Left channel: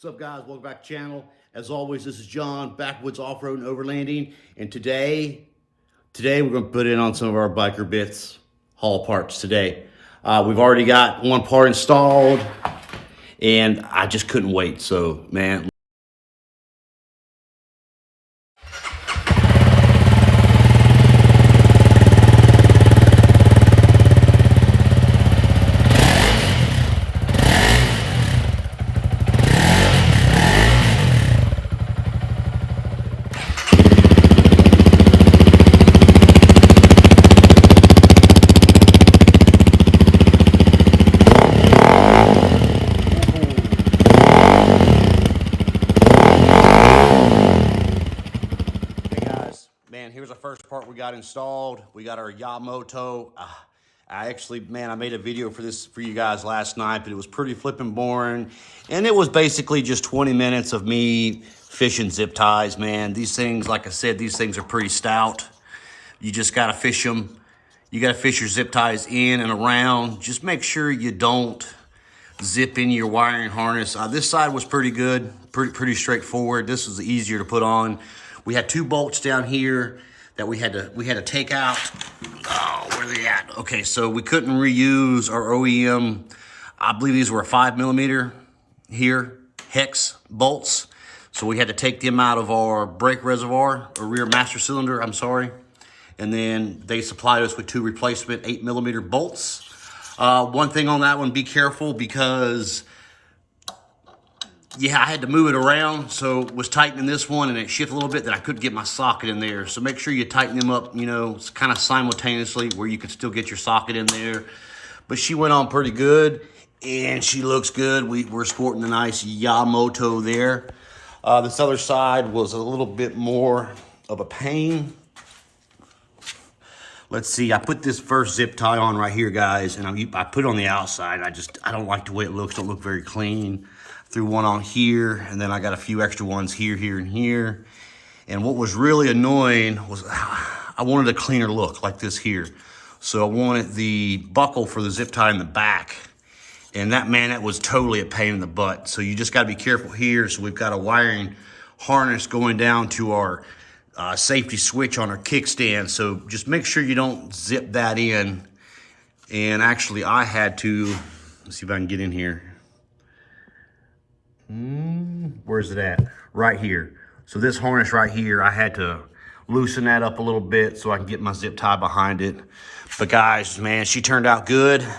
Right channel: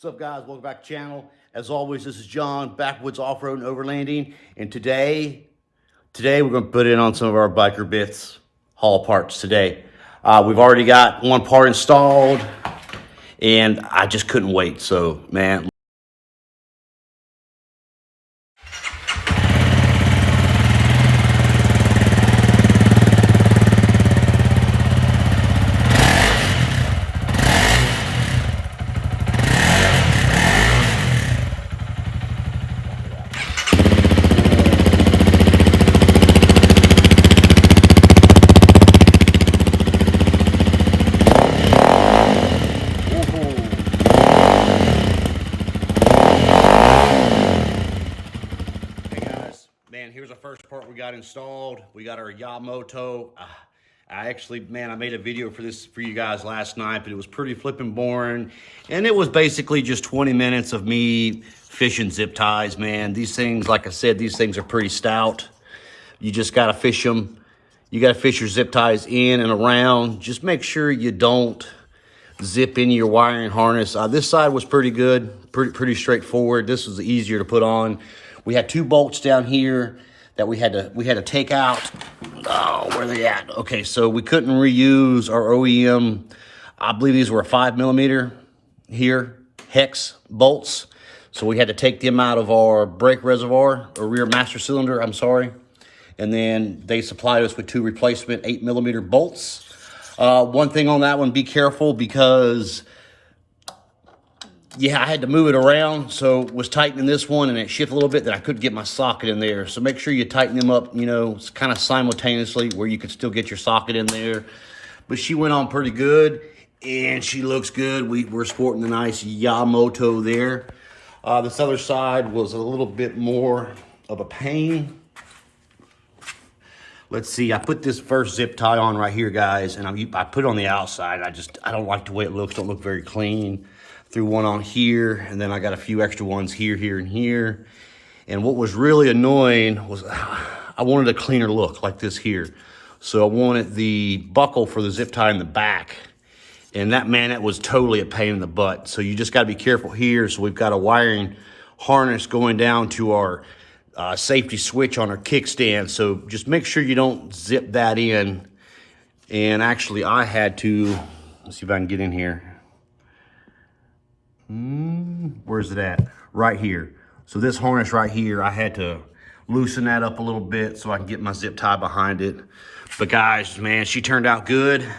What's up, guys? Welcome back to the channel. As always, this is John, Backwoods Off-Road and Overlanding. And today we're going to put in on some of our BikerzBits haul parts today. We've already got one part installed, and I just couldn't wait. So, man. Here's the first part we got installed. We got our Yamoto. I made a video for this for you guys last night, but it was pretty flipping boring. And it was basically just 20 minutes of me fishing zip ties, man. These things, like I said, these things are pretty stout. You just gotta fish them. You gotta fish your zip ties in and around. Just make sure you don't zip into your wiring harness. This side was pretty good, pretty straightforward. This was easier to put on. We had two bolts down here that we had to take out. Oh, where are they at? Okay, so we couldn't reuse our OEM. I believe these were 5mm here, hex bolts. So we had to take them out of our brake reservoir, or rear master cylinder, I'm sorry. And then they supplied us with two replacement 8mm bolts. One thing on that one, be careful because I had to move it around, so was tightening this one and it shifted a little bit that I couldn't get my socket in there. So make sure you tighten them up, kind of simultaneously where you could still get your socket in there. But she went on pretty good and she looks good. We're sporting the nice Yamoto there. This other side was a little bit more of a pain. Let's see, I put this first zip tie on right here, guys, and I put it on the outside. I don't like the way it looks, don't look very clean. Threw one on here, and then I got a few extra ones here, and here. And what was really annoying was I wanted a cleaner look like this here. So I wanted the buckle for the zip tie in the back. And that was totally a pain in the butt. So you just gotta be careful here. So we've got a wiring harness going down to our safety switch on our kickstand. So just make sure you don't zip that in. And actually I had to, let's see if I can get in here. Where's it at? Right here. So this harness right here, I had to loosen that up a little bit so I can get my zip tie behind it. But guys, man, she turned out good.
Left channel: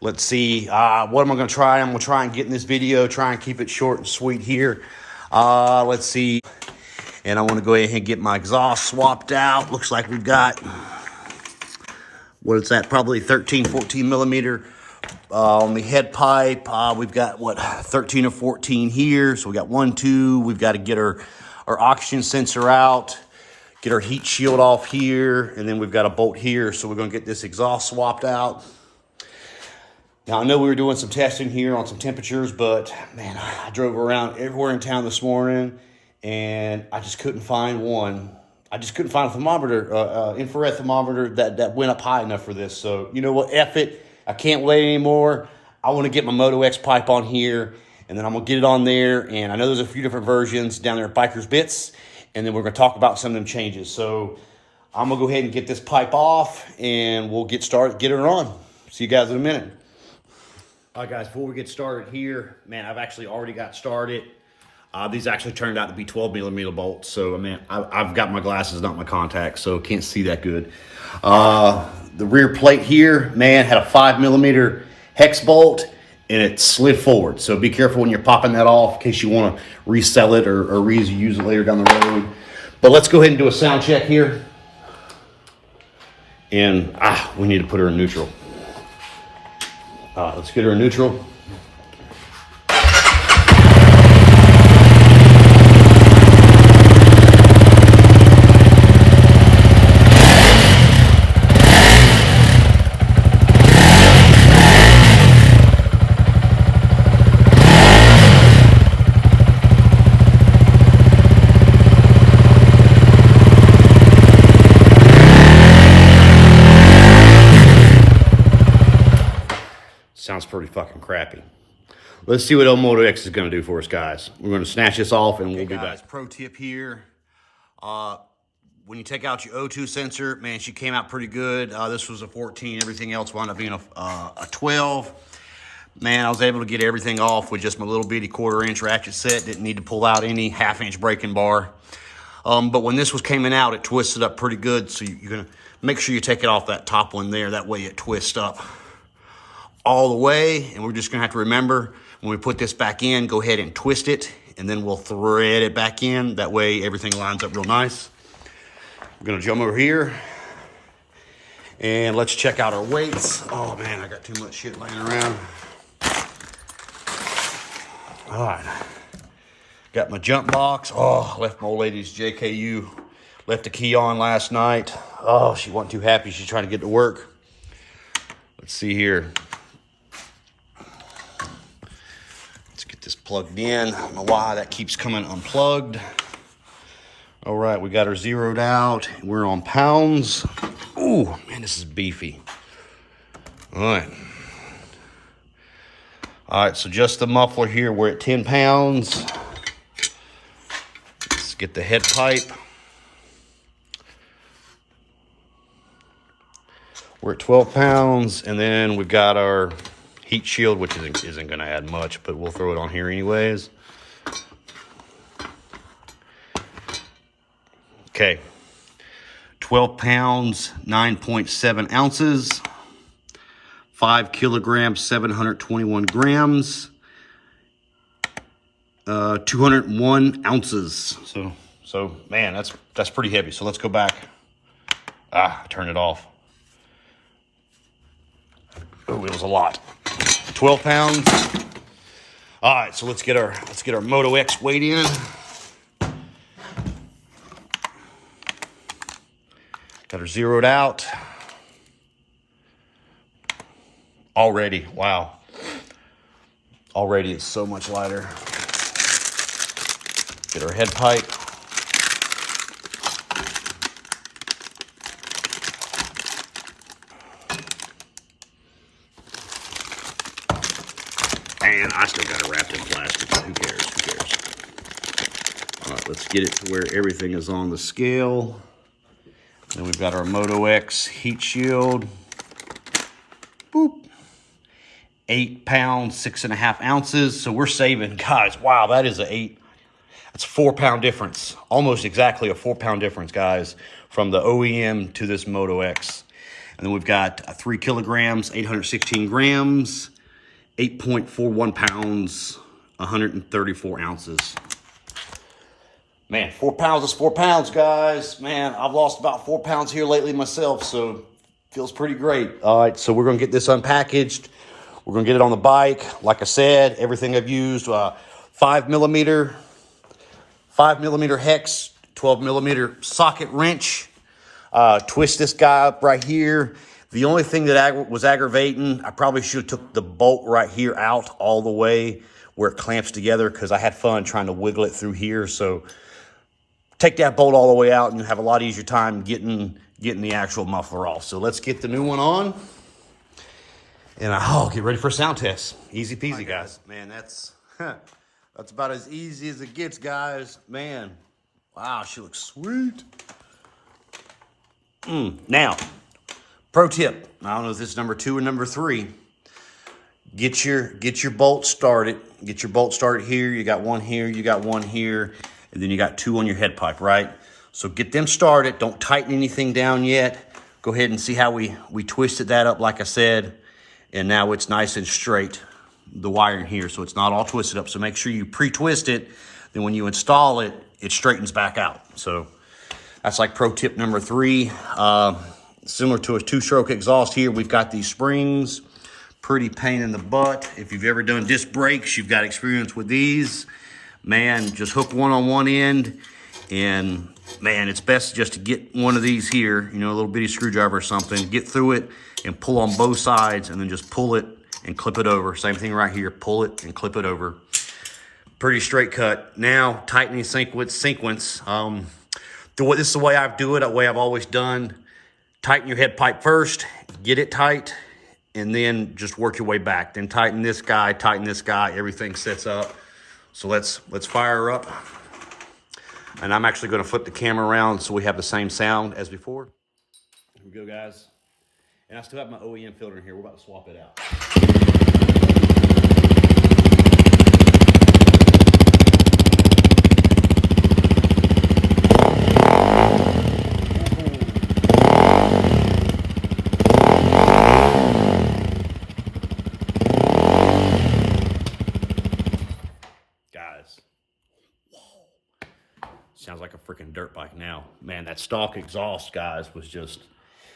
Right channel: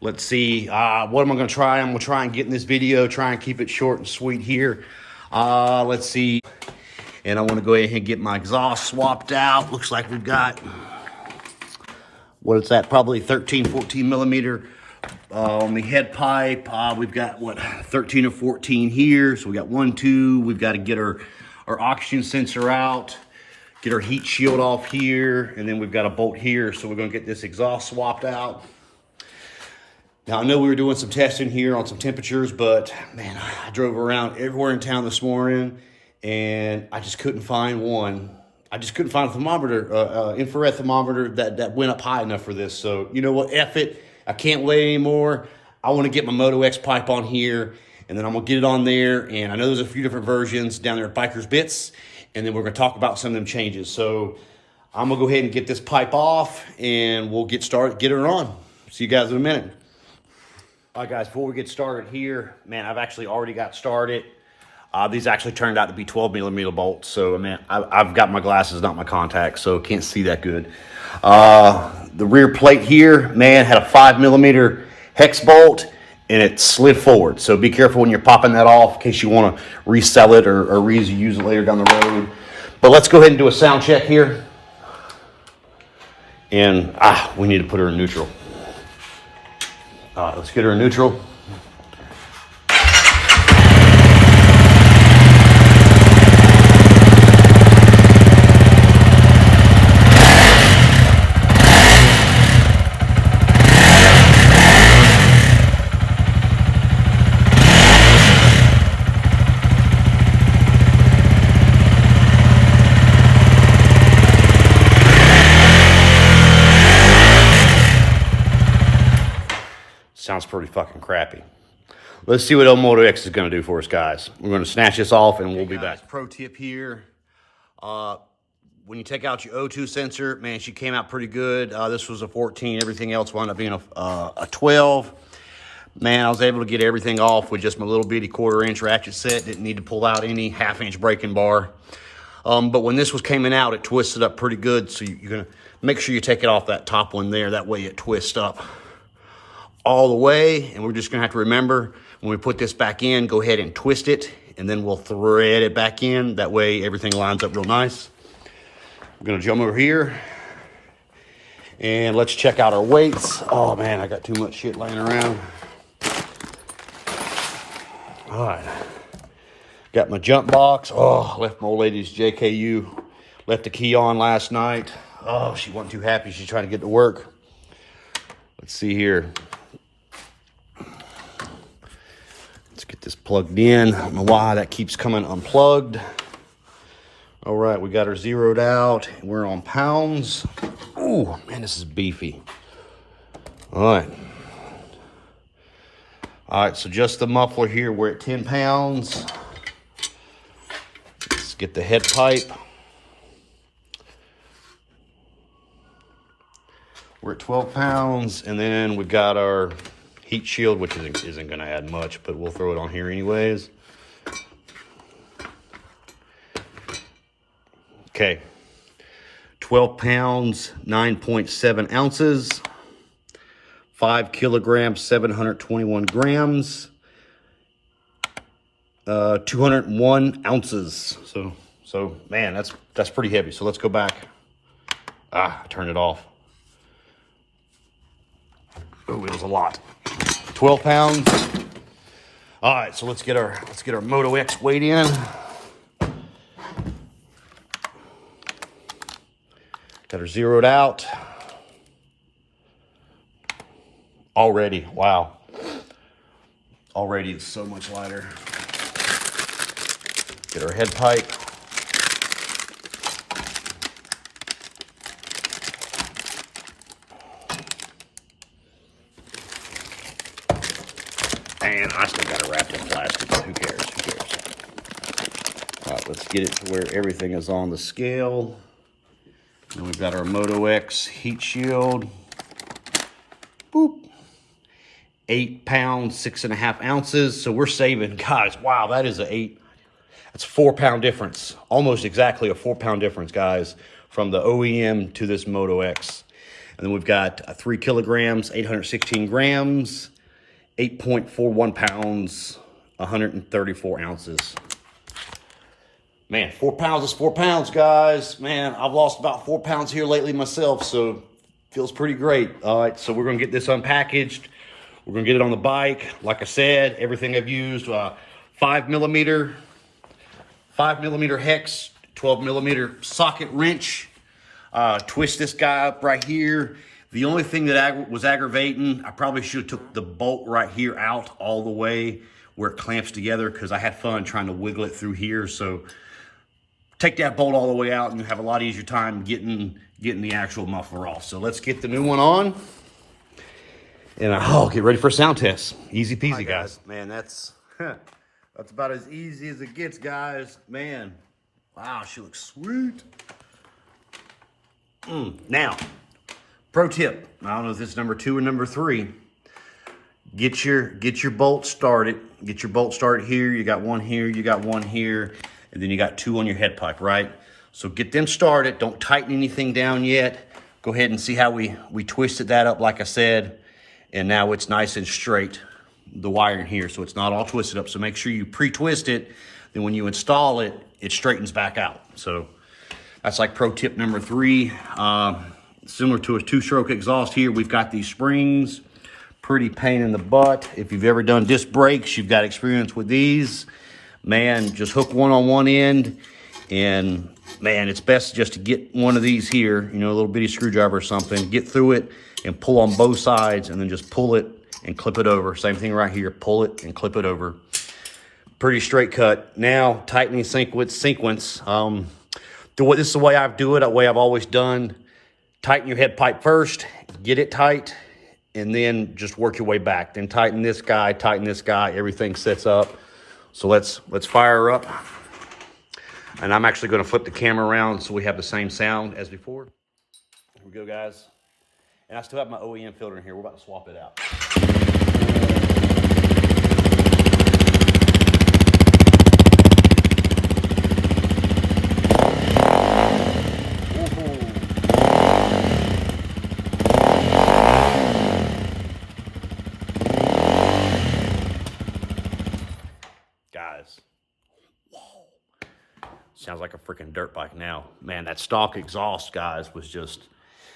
Let's see, what am I gonna try? I'm gonna try and get in this video, try and keep it short and sweet here. Let's see. And I wanna go ahead and get my exhaust swapped out. Looks like we've got, what is that? Probably 13, 14mm. On the head pipe, we've got 13 or 14 here. So we got 1, 2. We've got to get our oxygen sensor out, get our heat shield off here, and then we've got a bolt here. So we're going to get this exhaust swapped out. Now I know we were doing some testing here on some temperatures, but man, I drove around everywhere in town this morning, and I just couldn't find one. I just couldn't find a thermometer, infrared thermometer that went up high enough for this. So you know what? F it. I can't wait anymore. I want to get my moto-x pipe on here, and then I'm going to get it on there. And I know there's a few different versions down there at BikerzBits, and then we're going to talk about some of them changes. So I'm going to go ahead and get this pipe off, and we'll get her on. See you guys in a minute. All right, guys, before we get started here, man, I've actually already got started. These actually turned out to be 12mm bolts. So, man, I've got my glasses, not my contacts, so can't see that good. The rear plate here, man, had a 5mm hex bolt, and it slid forward. So be careful when you're popping that off in case you want to resell it or reuse it later down the road. But let's go ahead and do a sound check here. And we need to put her in neutral. Let's get her in neutral. Sounds pretty fucking crappy. Let's see what old Moto-X is going to do for us, guys. We're going to snatch this off, and we'll be back. Pro tip here. When you take out your O2 sensor, man, she came out pretty good. This was a 14. Everything else wound up being a 12. Man, I was able to get everything off with just my little bitty 1/4-inch ratchet set. Didn't need to pull out any 1/2-inch braking bar. But when this was coming out, it twisted up pretty good. So you're going to make sure you take it off that top one there. That way it twists up all the way. And we're just going to have to remember, when we put this back in, go ahead and twist it. And then we'll thread it back in. That way everything lines up real nice. We're going to jump over here. And let's check out our weights. Oh, man, I got too much shit laying around. All right, got my jump box. Oh, left my old lady's JKU. Left the key on last night. Oh, she wasn't too happy. She's trying to get to work. Let's see here. Let's get this plugged in. I don't know why that keeps coming unplugged. All right, we got her zeroed out. We're on pounds. Ooh, man, this is beefy. All right. All right, so just the muffler here, we're at 10 pounds. Let's get the head pipe. We're at 12 pounds, and then we've got our heat shield, which isn't gonna add much, but we'll throw it on here anyways. Okay, 12 pounds, 9.7 ounces. 5 kilograms, 721 grams, 201 ounces. So man, that's pretty heavy. So let's go back. I turned it off. Oh, it was a lot. 12 pounds. All right, so let's get our Moto-X weight in. Got her zeroed out. Already, wow. Already it's so much lighter. Get our head pipe. And I still got it wrapped in plastic, but who cares, who cares? All right, let's get it to where everything is on the scale. Then we've got our Moto-X heat shield. Boop. 8 pounds, 6.5 ounces. So we're saving, guys, wow, that's a 4-pound difference. Almost exactly a 4-pound difference, guys, from the OEM to this Moto-X. And then we've got 3 kilograms, 816 grams, 8.41 pounds, 134 ounces. Man, 4 pounds is 4 pounds, guys. Man, I've lost about 4 pounds here lately myself, so feels pretty great. All right, so we're gonna get this unpackaged. We're gonna get it on the bike. Like I said, everything I've used, 5 millimeter hex, 12 millimeter socket wrench. Twist this guy up right here. The only thing that was aggravating, I probably should have took the bolt right here out all the way where it clamps together, because I had fun trying to wiggle it through here. So take that bolt all the way out and you have a lot easier time getting the actual muffler off. So let's get the new one on. And get ready for a sound test. Easy peasy, guys. Man, that's about as easy as it gets, guys. Man, wow, she looks sweet. Now, pro tip. I don't know if this is number 2 or number 3. Get your bolt started. Get your bolt started here. You got one here. You got one here, and then you got 2 on your head pipe, right? So get them started. Don't tighten anything down yet. Go ahead and see how we twisted that up, like I said. And now it's nice and straight, the wiring here, so it's not all twisted up. So make sure you pre-twist it. Then when you install it, it straightens back out. So that's like pro tip number 3. Similar to a 2-stroke exhaust here, we've got these springs. Pretty pain in the butt. If you've ever done disc brakes, you've got experience with these. Man, just hook one on one end. And man, it's best just to get one of these here, a little bitty screwdriver or something, get through it and pull on both sides, and then just pull it and clip it over. Same thing right here, pull it and clip it over. Pretty straight cut. Now, tightening sequence. This is the way I do it, the way I've always done. Tighten your head pipe first, get it tight, and then just work your way back. Then tighten this guy, everything sets up. So let's fire her up. And I'm actually gonna flip the camera around so we have the same sound as before. Here we go, guys. And I still have my OEM filter in here. We're about to swap it out. Guys, whoa. Sounds like a freaking dirt bike now. Man, that stock exhaust, guys, was just,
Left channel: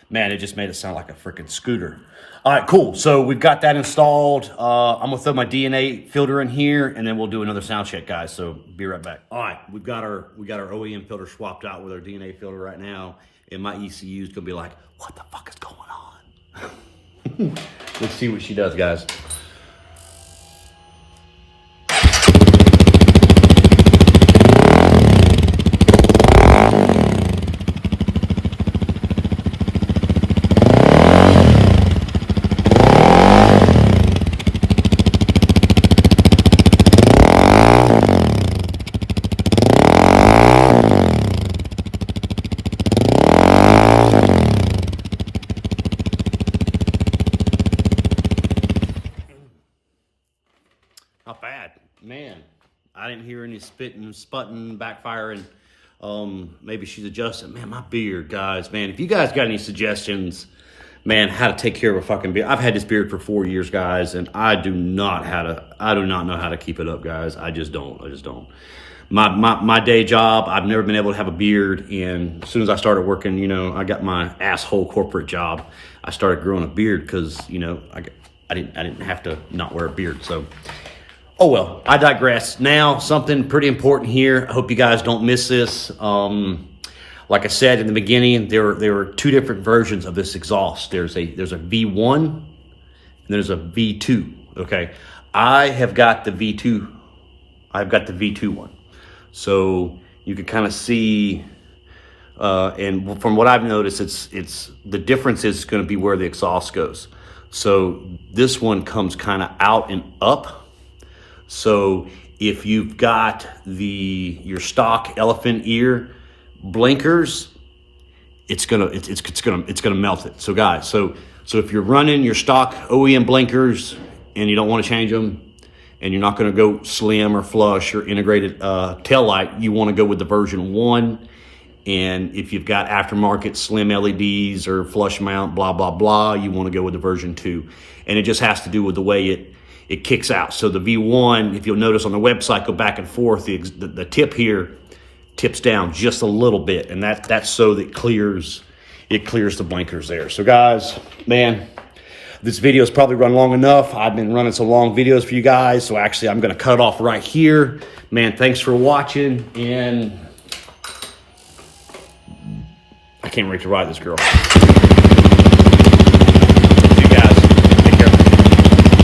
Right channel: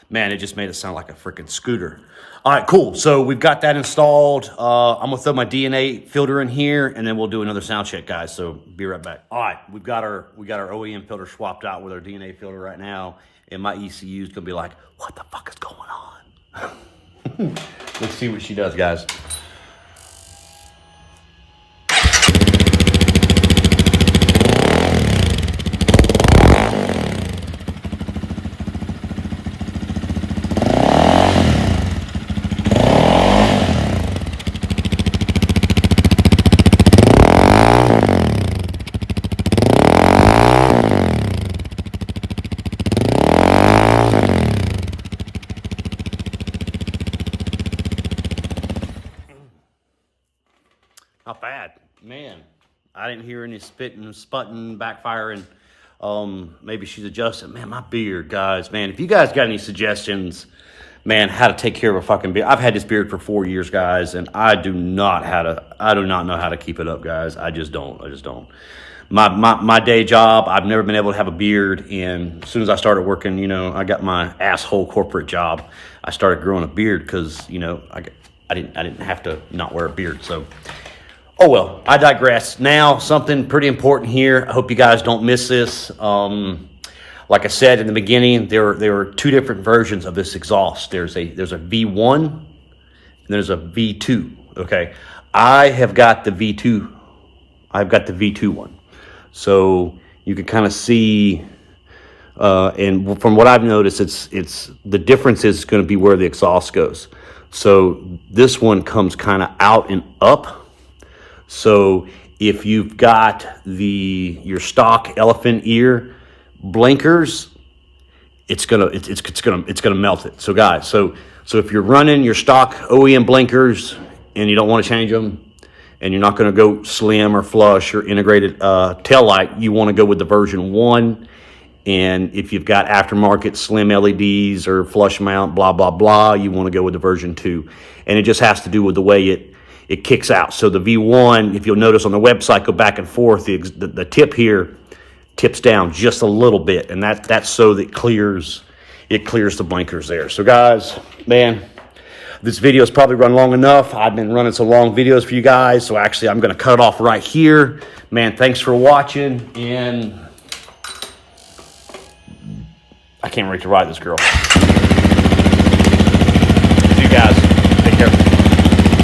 man, it just made it sound like a freaking scooter. All right, cool. So we've got that installed. I'm gonna throw my DNA filter in here, and then we'll do another sound check, guys. So be right back. All right, we got our OEM filter swapped out with our DNA filter right now, and my ECU is gonna be like, what the fuck is going on? Let's see what she does, guys. Not bad, man. I didn't hear any spitting, sputting, backfiring. Maybe she's adjusting. Man, my beard, guys, man. If you guys got any suggestions, man, how to take care of a fucking beard. I've had this beard for 4 years, guys, and I do not know how to keep it up, guys. I just don't. My day job, I've never been able to have a beard, and as soon as I started working, you know, I got my asshole corporate job, I started growing a beard because, you know, I didn't have to not wear a beard. So, oh well, I digress. Now, something pretty important here. I hope you guys don't miss this. Like I said in the beginning, there were two different versions of this exhaust. There's a V1 and there's a V2. Okay, I have got the V2. I've got the V2 one. So you can kind of see, and from what I've noticed, it's the difference is going to be where the exhaust goes. So this one comes kind of out and up. So if you've got your stock elephant ear blinkers, it's gonna melt it. So guys, so if you're running your stock OEM blinkers and you don't want to change them, and you're not going to go slim or flush or integrated tail light, you want to go with the version 1. And if you've got aftermarket slim LEDs or flush mount, blah blah blah, you want to go with the version 2. And it just has to do with the way it kicks out. So the V1, if you'll notice on the website, go back and forth, the tip here tips down just a little bit, and that's so that it clears the blinkers there. So guys, man, this video has probably run long enough. I've been running some long videos for you guys, so actually I'm gonna cut it off right here. Man, thanks for watching, and I can't wait to ride this girl.